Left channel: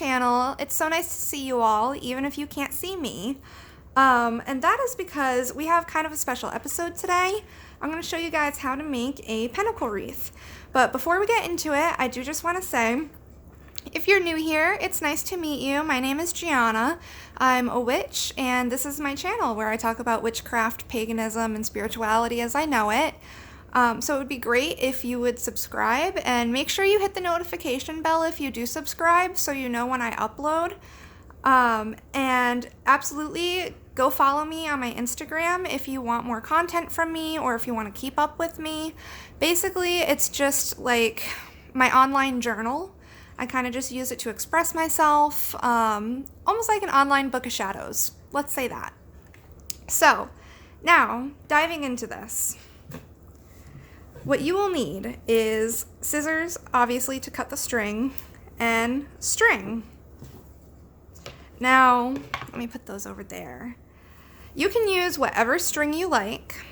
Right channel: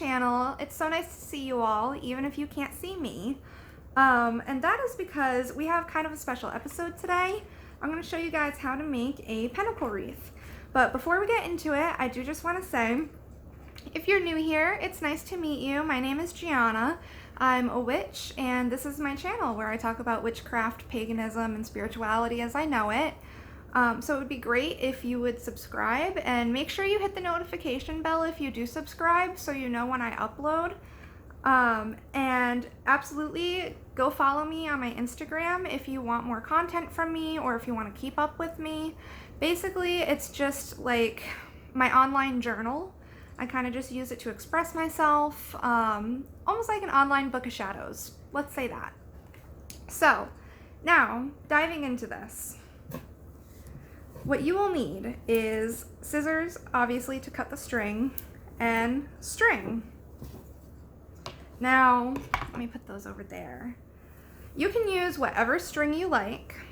channel. It's so nice to see you all, even if you can't see me. And that is because we have kind of a special episode today. I'm going to show you guys how to make a pentacle wreath. But before we get into it, I do just want to say, if you're new here, it's nice to meet you. My name is Gianna. I'm a witch, and this is my channel where I talk about witchcraft, paganism, and spirituality as I know it. So it would be great if you would subscribe, and make sure you hit the notification bell if you do subscribe so you know when I upload. And absolutely go follow me on my Instagram if you want more content from me or if you want to keep up with me. Basically, it's just like my online journal. I kind of just use it to express myself, almost like an online book of shadows. Let's say that. So now, diving into this. What you will need is scissors, obviously, to cut the string, and string. Now, let me put those over there. You can use whatever string you like.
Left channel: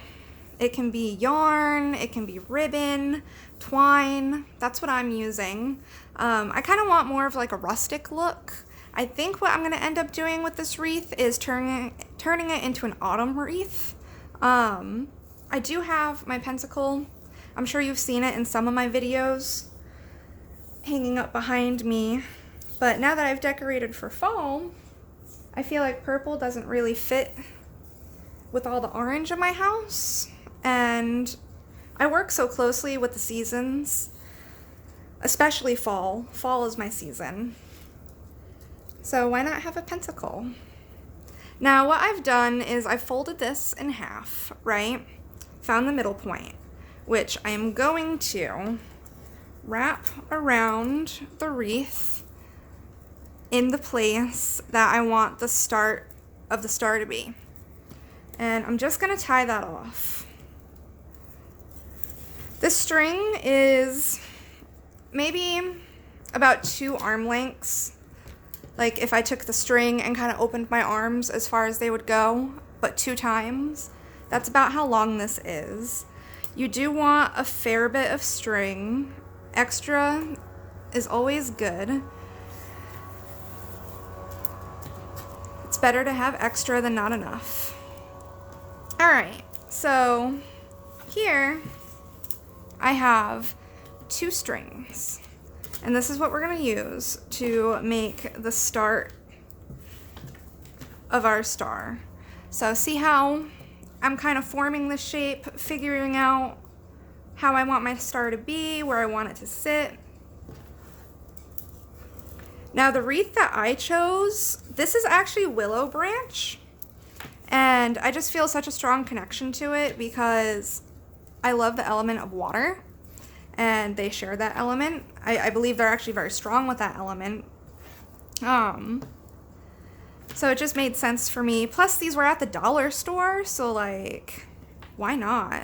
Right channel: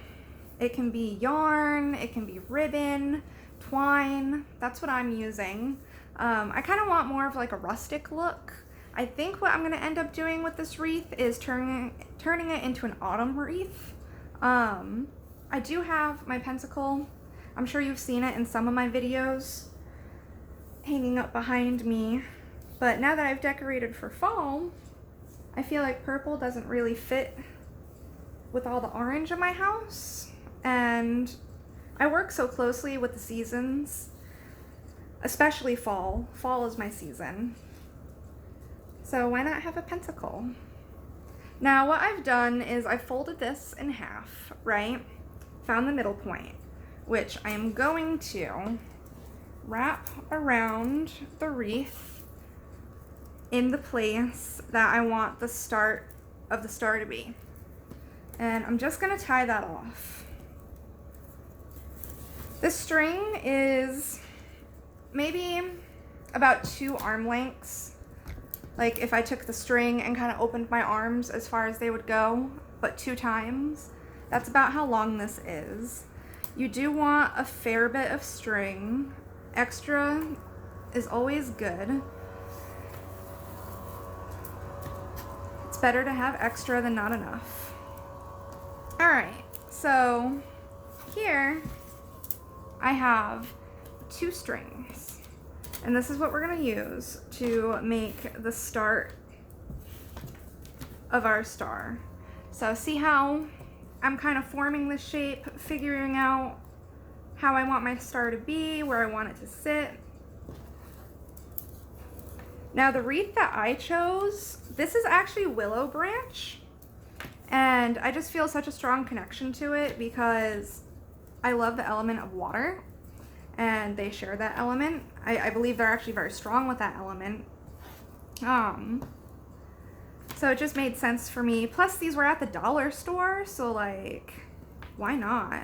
It can be yarn, it can be ribbon, twine. That's what I'm using. I kind of want more of like a rustic look. I think what I'm going to end up doing with this wreath is turning it into an autumn wreath. I do have my pentacle. I'm sure you've seen it in some of my videos hanging up behind me. But now that I've decorated for fall, I feel like purple doesn't really fit with all the orange in my house. And I work so closely with the seasons, especially fall. Fall is my season. So why not have a pentacle? Now what I've done is I've folded this in half, right? Found the middle point, which I am going to wrap around the wreath in the place that I want the start of the star to be. And I'm just gonna tie that off. This string is maybe about 2 arm lengths. Like if I took the string and kind of opened my arms as far as they would go, but 2 times, that's about how long this is. You do want a fair bit of string. Extra is always good. It's better to have extra than not enough. All right, so here I have 2 strings, and this is what we're gonna use to make the start of our star. So see how I'm kind of forming the shape, figuring out how I want my star to be, where I want it to sit. Now the wreath that I chose, this is actually willow branch, and I just feel such a strong connection to it because I love the element of water, and they share that element. I believe they're actually very strong with that element. So it just made sense for me. Plus these were at the dollar store, so like, why not?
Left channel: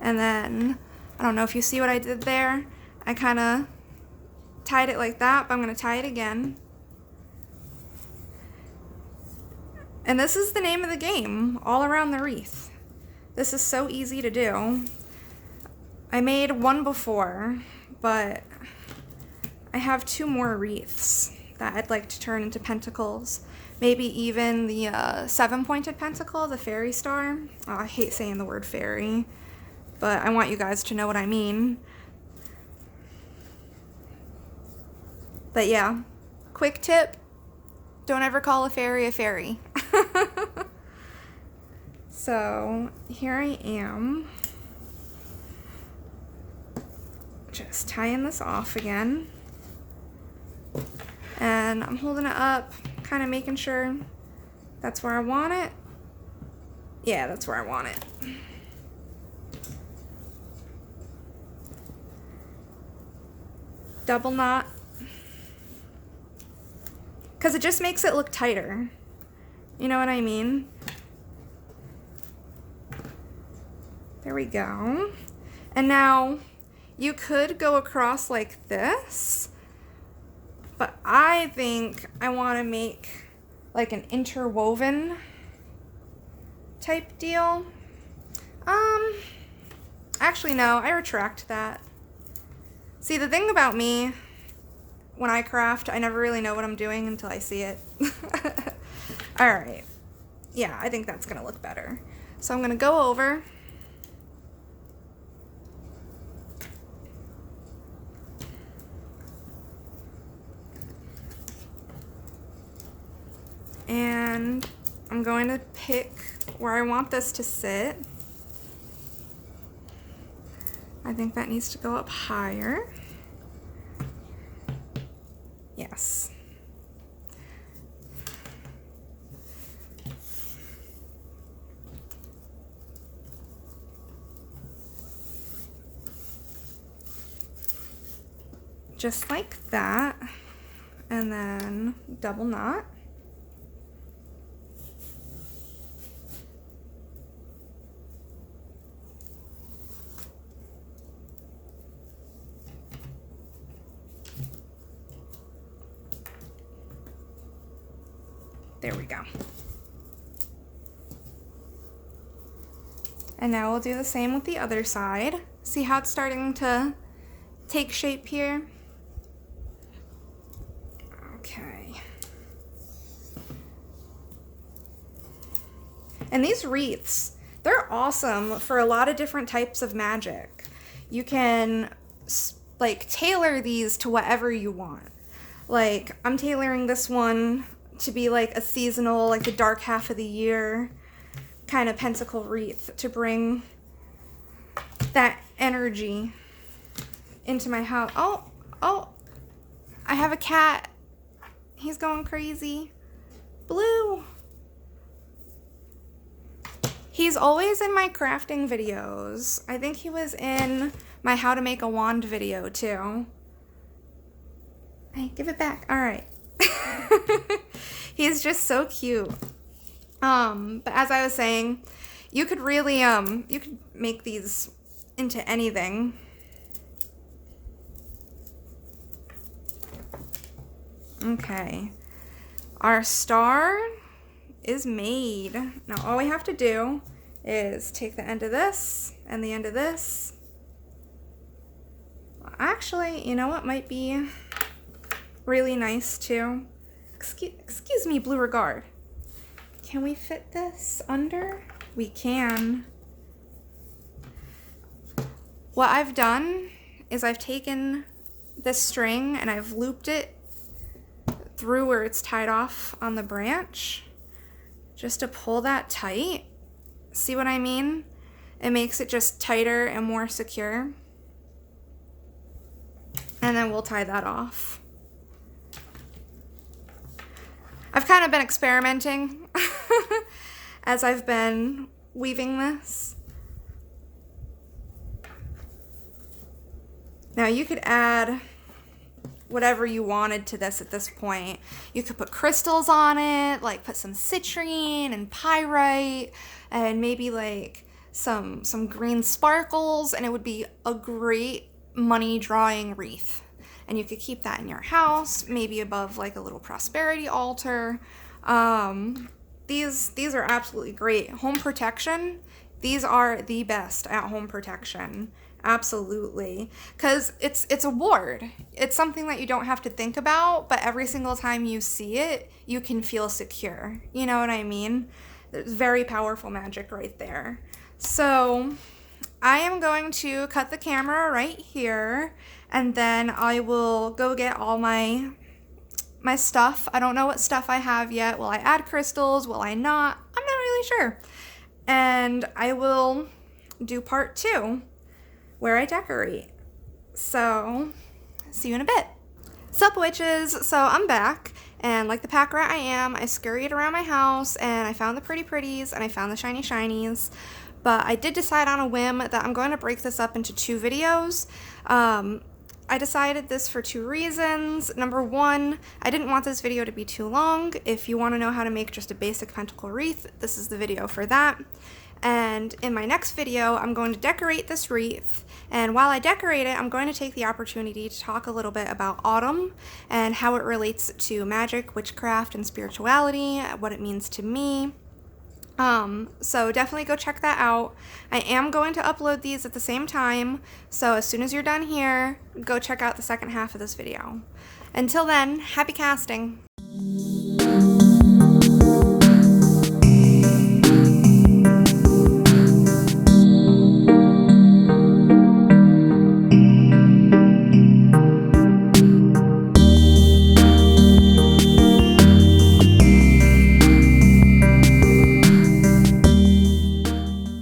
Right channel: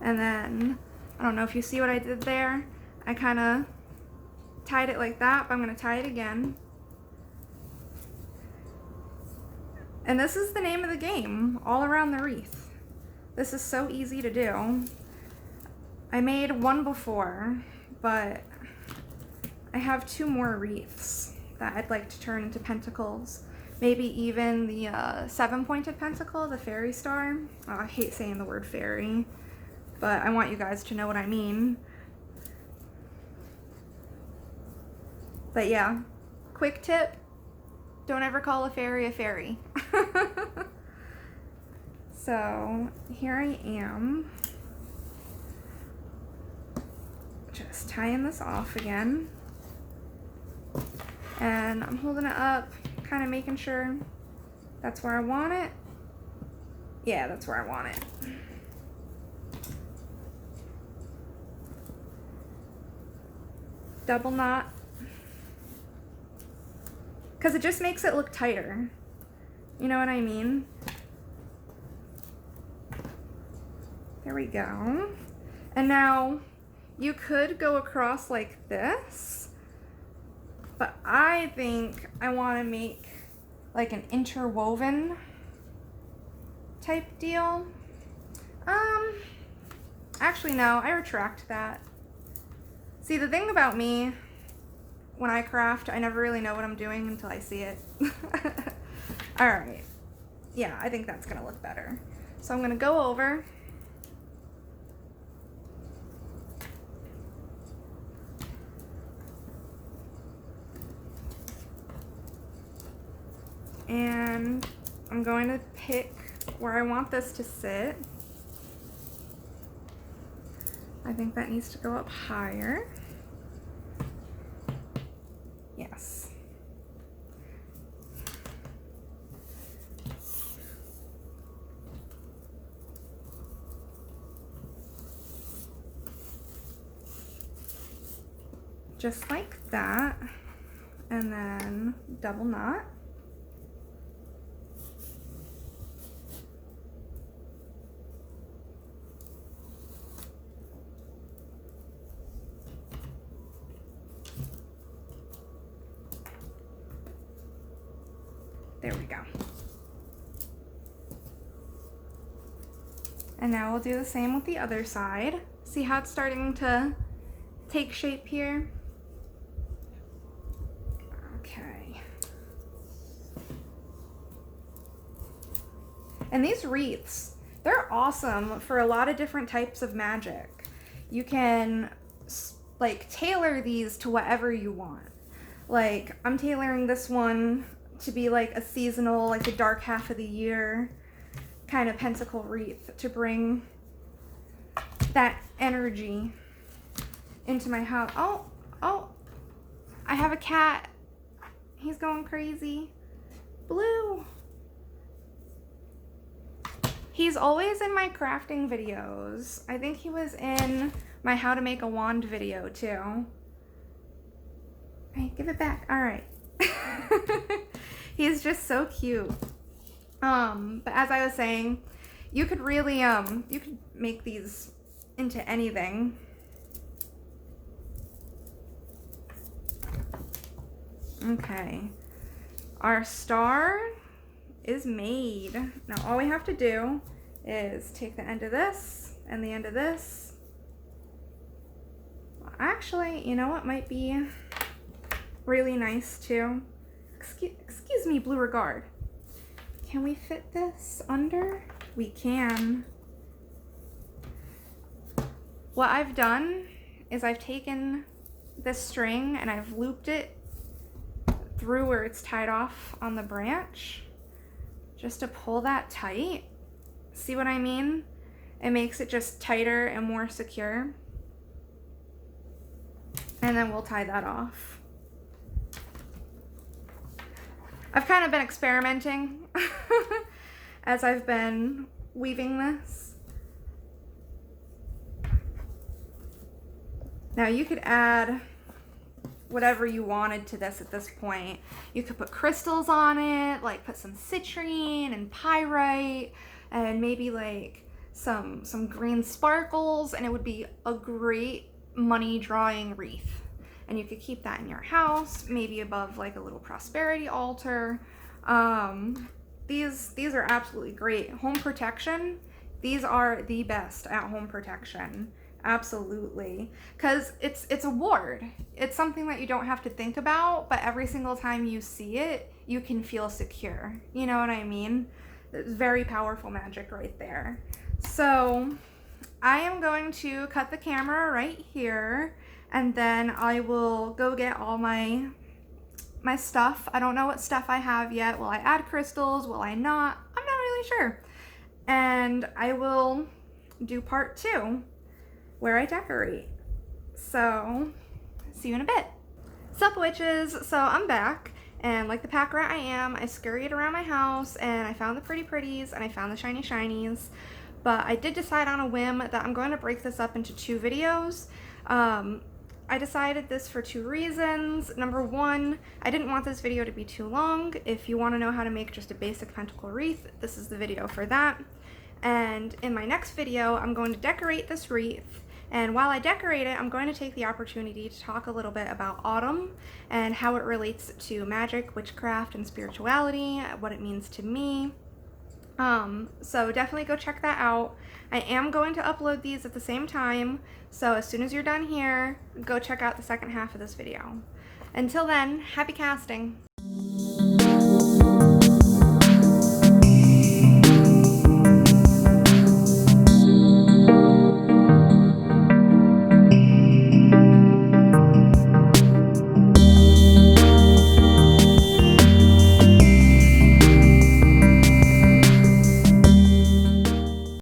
And then, I don't know if you see what I did there. I kind of tied it like that, but I'm going to tie it again. And this is the name of the game, all around the wreath. This is so easy to do. I made one before, but I have 2 more wreaths that I'd like to turn into pentacles. Maybe even the 7-pointed pentacle, the fairy star. Oh, I hate saying the word fairy, but I want you guys to know what I mean. But yeah, quick tip, don't ever call a fairy a fairy. So here I am, just tying this off again. And I'm holding it up, kind of making sure that's where I want it. Yeah, that's where I want it. Double knot, because it just makes it look tighter. You know what I mean? There we go. And now you could go across like this, but I think I want to make like an interwoven type deal. Actually no, I retract that. See, the thing about me when I craft, I never really know what I'm doing until I see it. All right. Yeah, I think that's gonna look better. So I'm gonna go over and I'm going to pick where I want this to sit. I think that needs to go up higher. Yes. Just like that, and then double knot. There we go. And now we'll do the same with the other side. See how it's starting to take shape here? Okay. And these wreaths, they're awesome for a lot of different types of magic. You can like tailor these to whatever you want. Like I'm tailoring this one to be like a seasonal, like the dark half of the year kind of pentacle wreath to bring that energy into my house. Oh, I have a cat. He's going crazy. Blue. He's always in my crafting videos. I think he was in my how to make a wand video too. Hey, give it back. All right. He's just so cute. But as I was saying, you could really, you could make these into anything. Okay. Our star is made. Now all we have to do is take the end of this and the end of this. Actually, you know what might be really nice too? Excuse me, Blue Regard. Can we fit this under? We can. What I've done is I've taken this string and I've looped it through where it's tied off on the branch just to pull that tight. See what I mean? It makes it just tighter and more secure. And then we'll tie that off. I've kind of been experimenting as I've been weaving this. Now you could add whatever you wanted to this at this point. You could put crystals on it, like put some citrine and pyrite and maybe like some green sparkles, and it would be a great money drawing wreath. And you could keep that in your house, maybe above like a little prosperity altar. These are absolutely great. Home protection, these are the best at home protection. Absolutely. Because it's a ward. It's something that you don't have to think about, but every single time you see it, you can feel secure. You know what I mean? It's very powerful magic right there. So I am going to cut the camera right here, and then I will go get all my stuff. I don't know what stuff I have yet. Will I add crystals? Will I not? I'm not really sure. And I will do part 2 where I decorate. So see you in a bit. Sup witches, so I'm back, and like the pack rat I am, I scurried around my house and I found the pretty pretties and I found the shiny shinies. But I did decide on a whim that I'm going to break this up into 2 videos. I decided this for 2 reasons. Number 1, I didn't want this video to be too long. If you want to know how to make just a basic pentacle wreath, this is the video for that. And in my next video, I'm going to decorate this wreath. And while I decorate it, I'm going to take the opportunity to talk a little bit about autumn and how it relates to magic, witchcraft, and spirituality, what it means to me. So definitely go check that out. I am going to upload these at the same time, so as soon as you're done here, go check out the second half of this video. Until then, happy casting!